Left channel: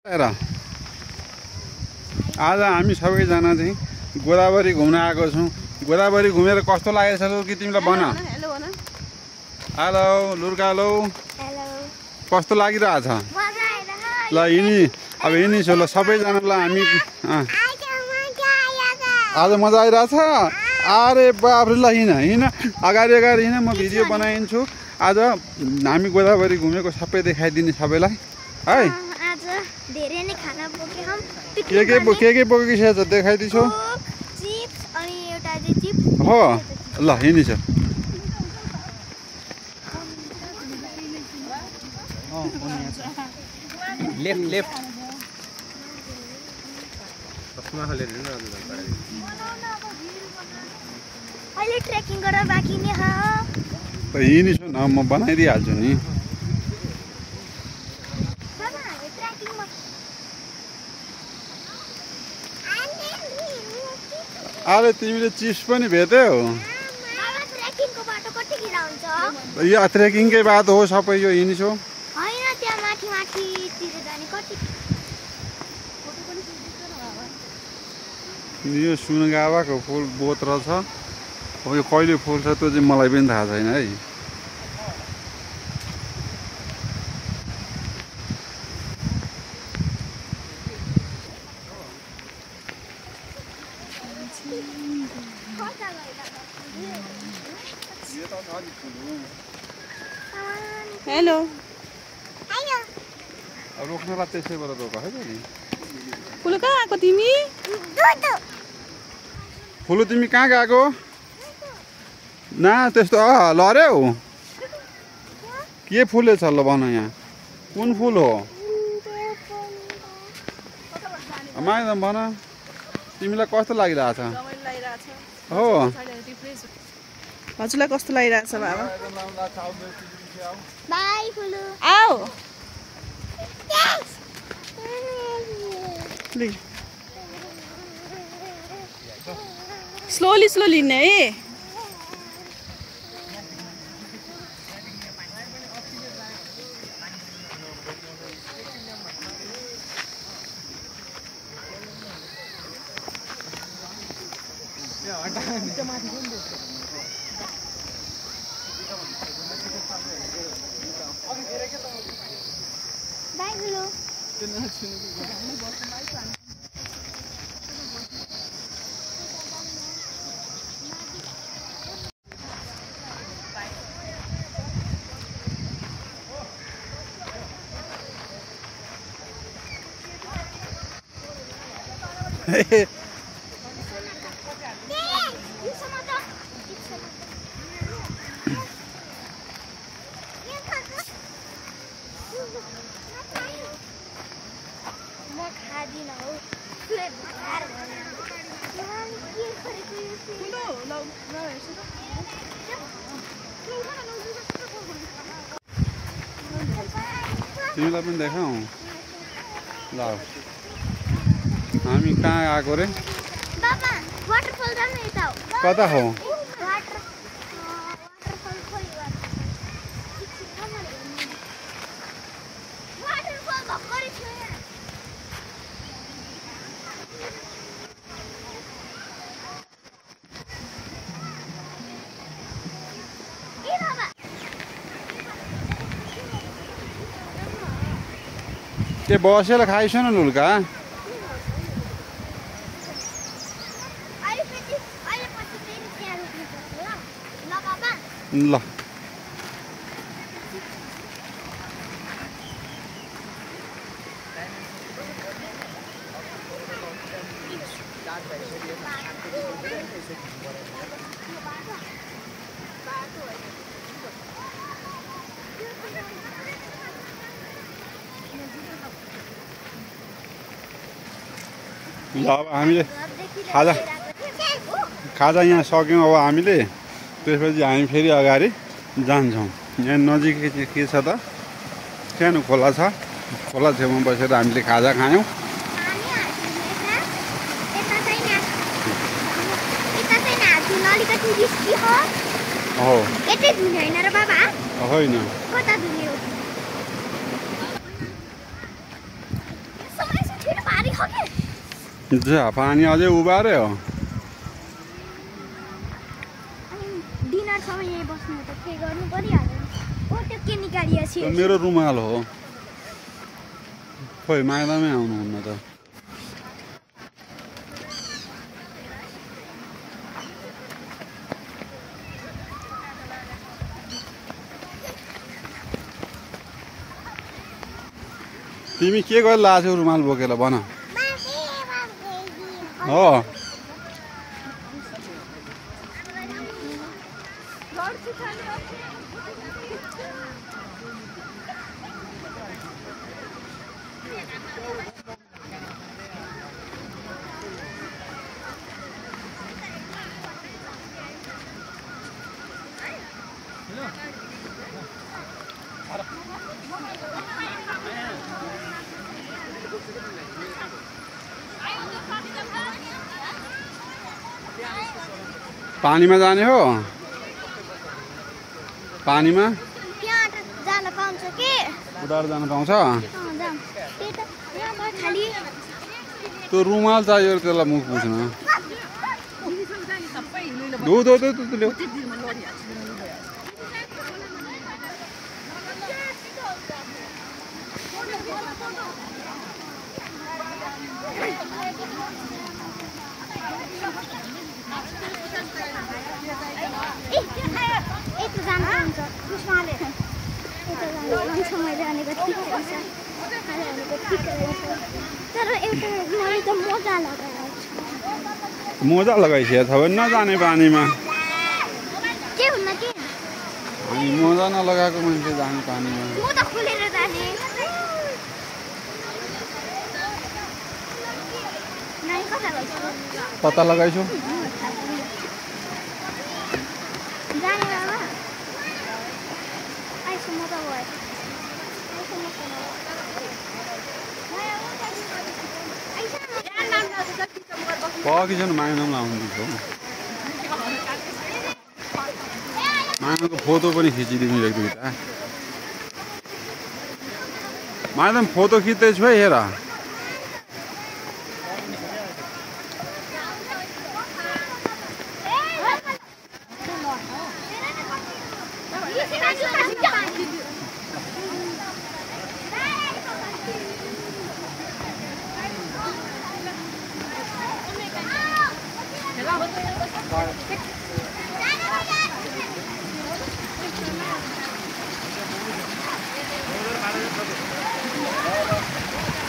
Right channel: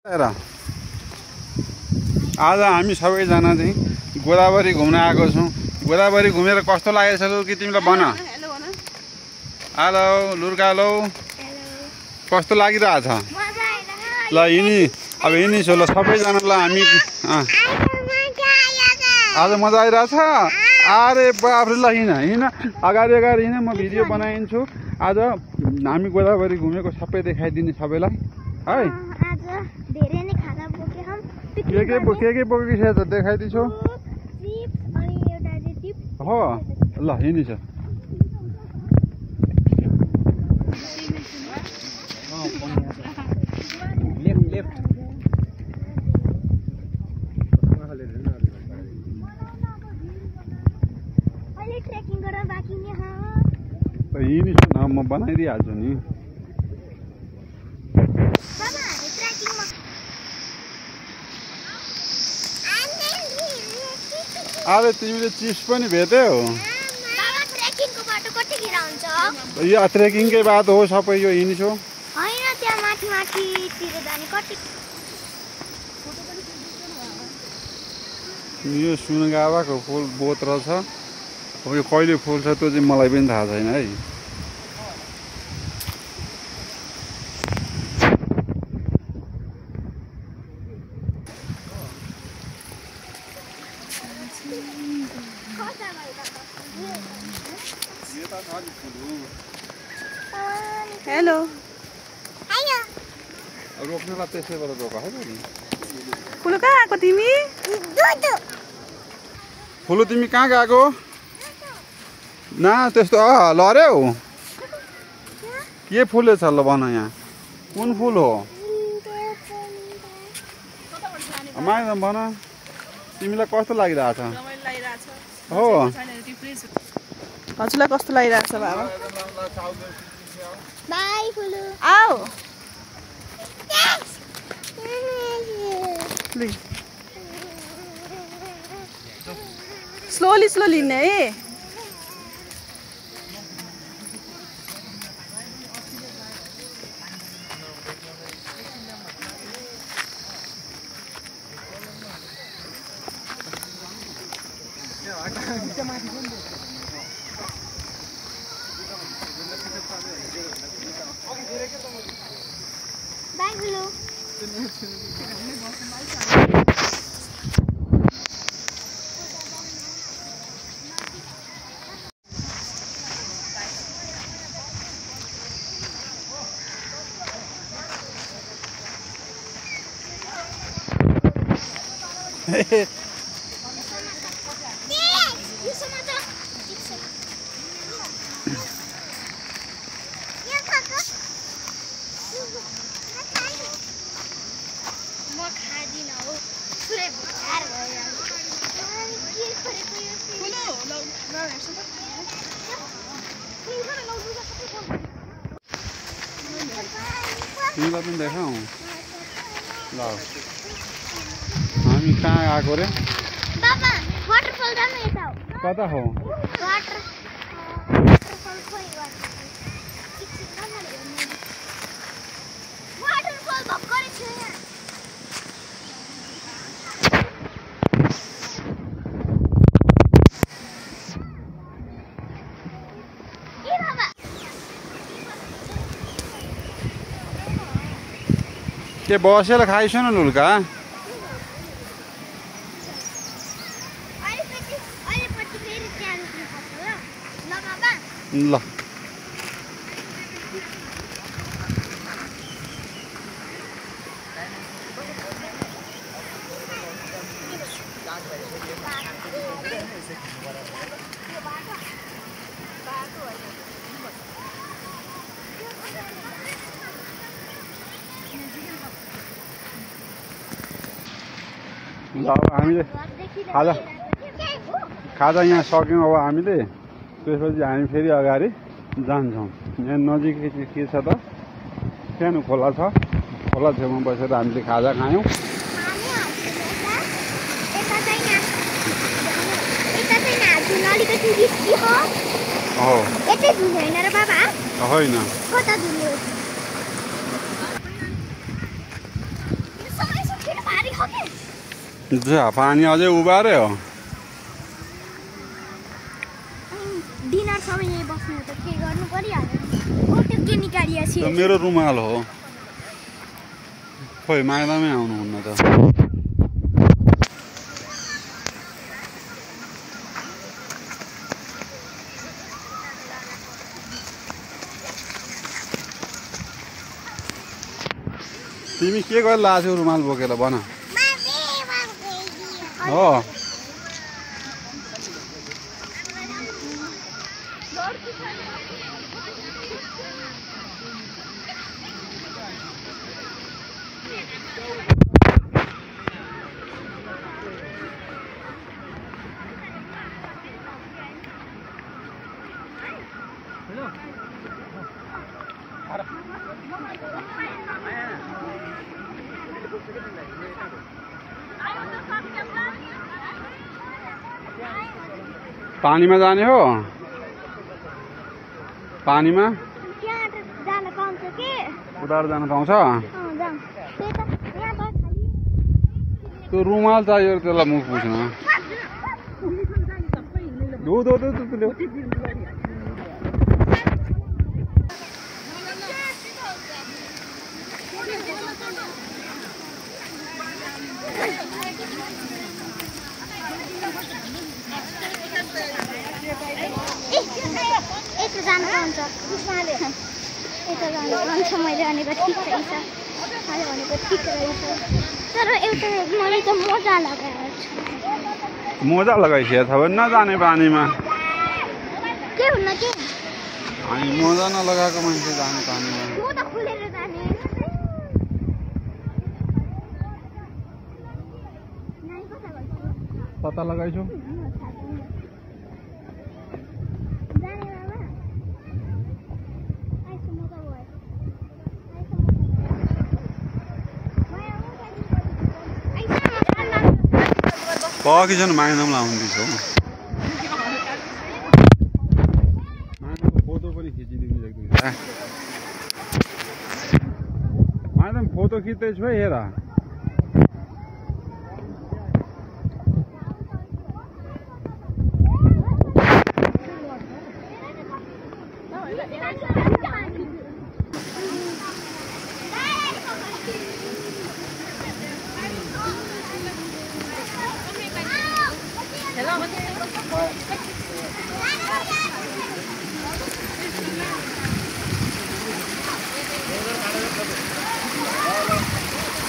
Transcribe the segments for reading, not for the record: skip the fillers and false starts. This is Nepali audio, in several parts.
आज हामी सबैजना चाहिँ गोदावरी घुम्न आएको छौँ। गोदावरी घुमेर कस्तो लागेको छ कि तिमीलाई भन। हेलो लुर्कालो, कस्तो लागिरहेछ? ल अब हिँडिसो ल सबैजनालाई हामी आज मजा आइरहेछ। अरे बाफ्रे ल हिँड अगाडि हिँड, म भिडियो बनाइदिन्छु। आज हामी गोदावरी घुमेको सबै देखाइदिने सबैलाई है। धेरै नै खाना बोके हम के बोकेको छ त देखाइदिन्छु। चिप्स अनि एउटा चाहिँ चिप्स हो ल हिँडिछ। लेफ्ट अहिले ट्रेकिङ गर्न बाँकी नै ह। हिँडिछु न, म बनाइदिइहाल्छु नि। अरे तिमीले चिप्स पनि भेट्यौ? यो ट्रेकिङकै बाटो हो सबै, यो हिँडिछौ। यो सुनगावाको फुल बोत रहेछ। अब यो कहिले फुल्छ त्यो चाहिँ मलाई पनि थाहा छैन है। हेलो रोक्नु त त्यसैबाट रोका है नि। फुलु कहाँ आएको तिमी? फुलु तिमी कहाँ गएको? न त्यस्तो लड्यौ? के फुल छ ल भन, यहाँ कुन फुल हो? माइ भन तिमीलाई कस्तो लागिरहेछ? हो हजुरलाई कस्तो लागिरहेछ बाबा? बाइ फुलु। आऊ स्लोली हिँड्ने है। बाइ फुलु। तिमीलाई पनि देखाऊ ल। हामी कहाँ आएको रे? कता हो? के बसेर खाइस न लुल्का? ल अब हामीले खाजा यहाँ सक्यौँ। अब हामीले त्यसपछि हामी फेरि अगाडि जान्छौँ। यहाँ नजिकै चाहिँ के छ त, सानो खोला छ। खोला छेउमा बसेर हामीले खाजा खायौँ। होइन पानी अझै उबार्यो डिनर समय यही बस्नु त के गर्नु परिहाल्यो त्यो के निकालिएछ त्यो मेरो रुमाल हो खोइ माग्दामै आउनुहुन्न त तिमी के गर्नु लाछौ रुमाल बोकेर भन हो पानीमा जाने हो पानीमा त्यहाँ जान पाउँछ के उतार जान पाउँछ जाम त्यही त यहाँ त खाली त्यो रुमाल चाहियो त्यसलाई मुख पुछ्न दो ल्याऊ जान पाउँछ उस्माले मान्छे मैले भनेको ठिक रहेछ भनेको ठिक रहेछ तर एउटा मैले त मोजा लगाएर मोजा लगाइसकेको छ भने नजाने पानीमा के हुन्न के अनि मोजा नलगाएको मान्छे जाने पानीमा म त खुलेर जाने नाइ कता गइछ पत्ता लगाइछु जाने बाबा आइसु म त गए पकिसन माग्दाम लाउँदैछ माग्दाको फोटो पनि खिचिदिनु एक दुईवटा माग्दाम फोटो खिच्दैछु है हेर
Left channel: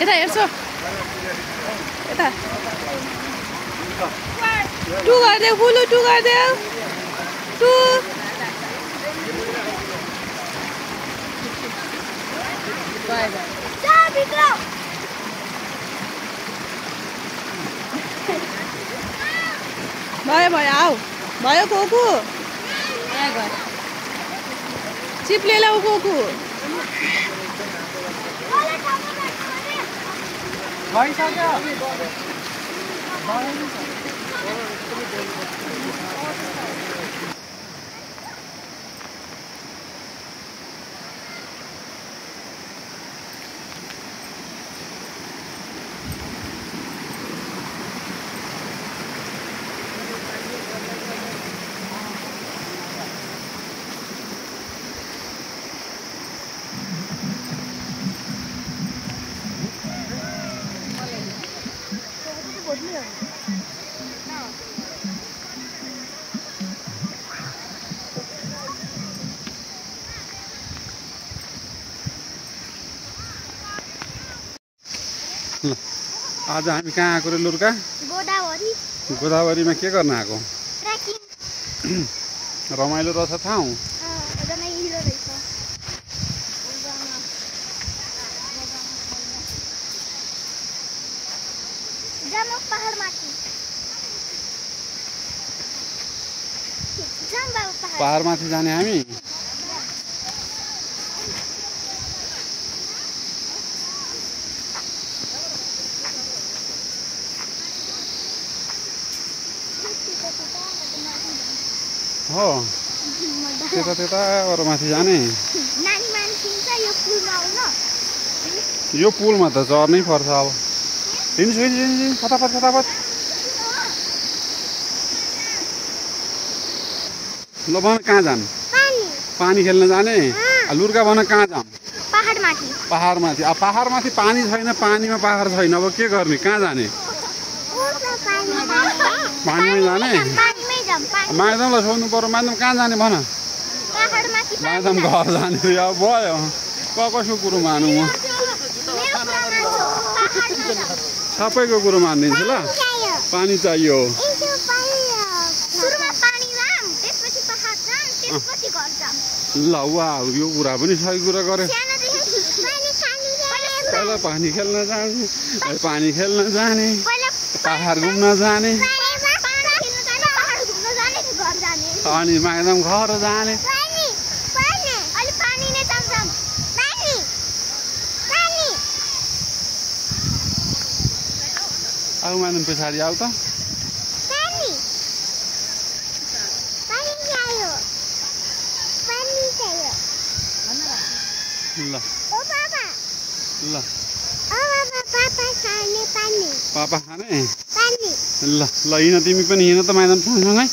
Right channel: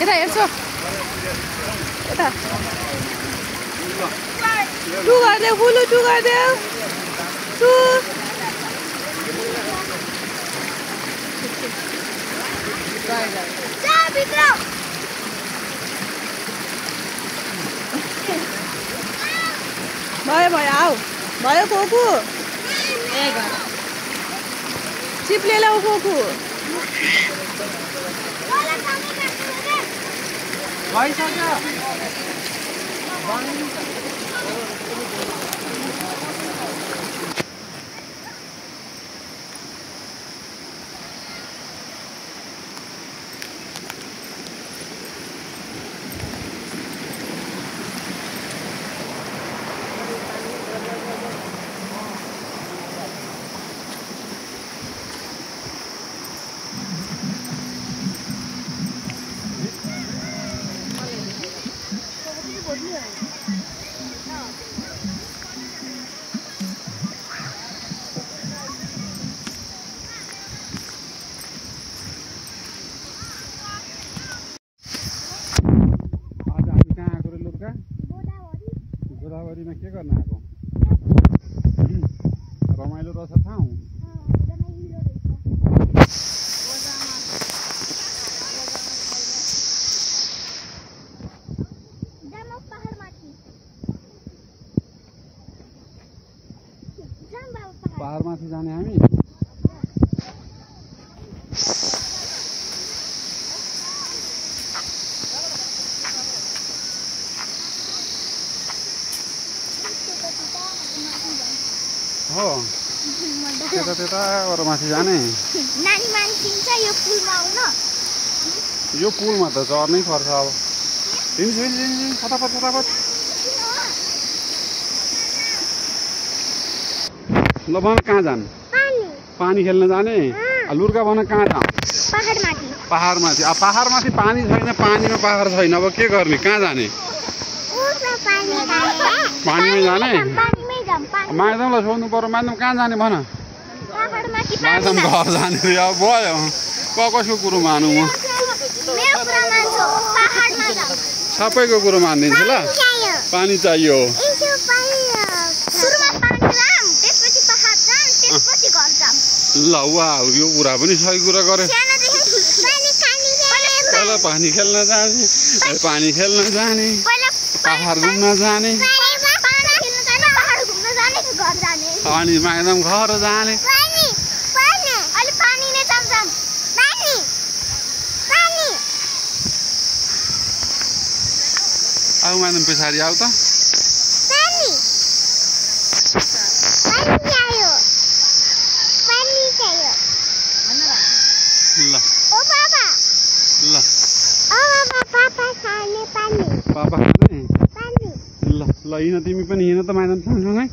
यता हेर्छु यता टु गरिदेऊ फुलु टु गरिदेऊ टु भयो भयो आऊ भयो कोकु चिप्ले ल्याऊ कोकु भइसक्यो आज हामी कहाँ आएको रे लुर्का गोदावरीमा के गर्न आएको रमाइलो रहेछ ठाउँ पहाडमाथि जाने हामी हो त्यता अरूमाथि जाने यो पुलमा त चढ्नै पर्छ अब हिँड्नु फटाफट फटाफट ल भन कहाँ जाने पानी खेल्न जाने लुर्का भन कहाँ जाऊँ पहाडमाथि अब पहाडमाथि पानी छैन पानीमा पहाड छैन अब के गर्ने कहाँ जाने पानीमै जाने माइदमलाई सोध्नु पर्यो माइदम कहाँ जाने भन माइदम घर जाने अब भयो कसको कुरो मानु म सबैको कुरो मानिदिन्छु ल पानी चाहियो ल वा यो कुरा पनि सही कुरा गरे पहिला पानी खेल्न जाने पहाड घुम्न जाने अनि माइदम घर जाने आऊ माइदम पछाडि आऊ त ल ल पापा खाने ल ल हिँड तिमी पनि हिँड त माइदम सँगसँगै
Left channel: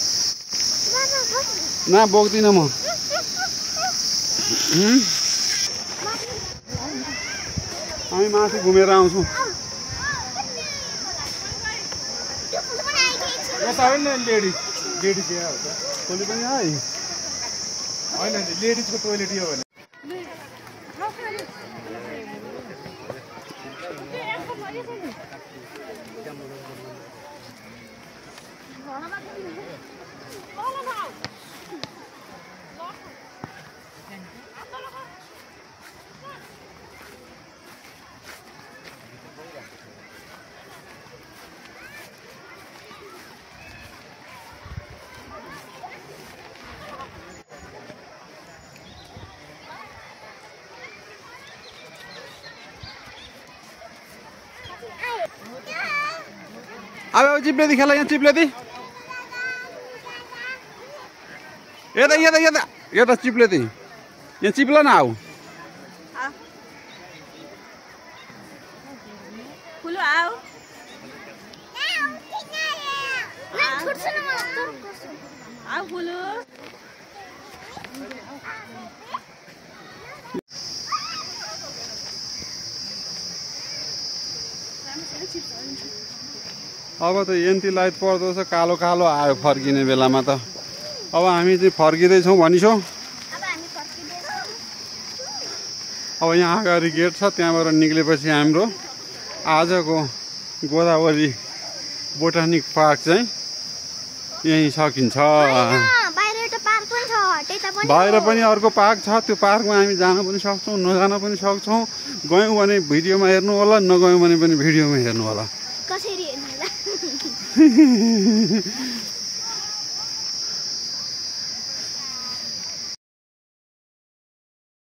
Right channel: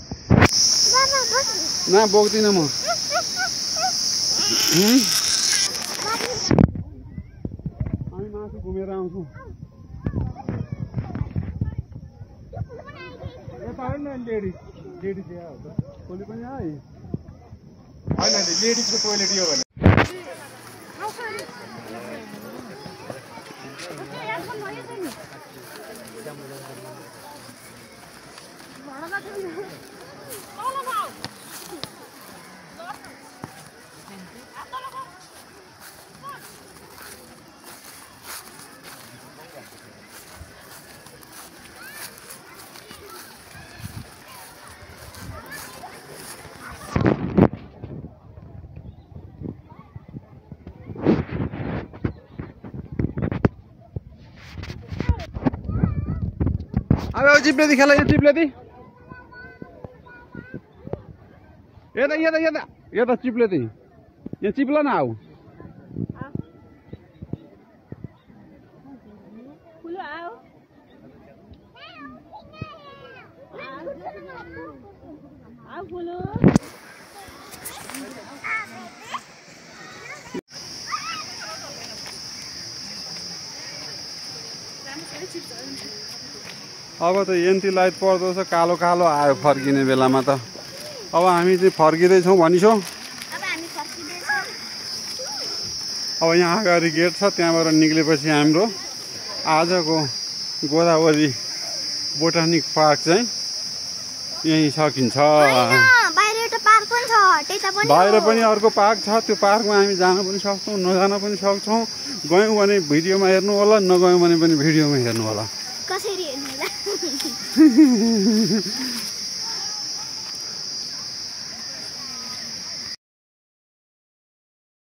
न बोक्दिनँ म हामी माथि घुमेर आउँछौँ लेडिज टोली पनि है होइन लेडिजको टोइलेट यो भने अब चिप्लेदी खेला यहाँ चिप्लेदी यता चिप्लेदी यहाँ चिप्ल न आऊ अब त एन्टी लाइट पर्दो छ कालो कालो आयो फर्किने बेलामा त अब हामी चाहिँ फर्किँदैछौँ भनिछौँ अब यहाँ अगाडि गेट छ त्यहाँबाट निक्लेपछि हाम्रो आजको गोदावरी बोटानिक पार्क चाहिँ यहीँ सकिन्छ बाहिर पनि अर्को पार्क छ त्यो पार्कमा हामी जान पनि सक्छौँ नजान पनि सक्छौँ गयौँ भने भिडियोमा हेर्नु होला नगयौँ भने पनि भिडियोमा हेर्नु होला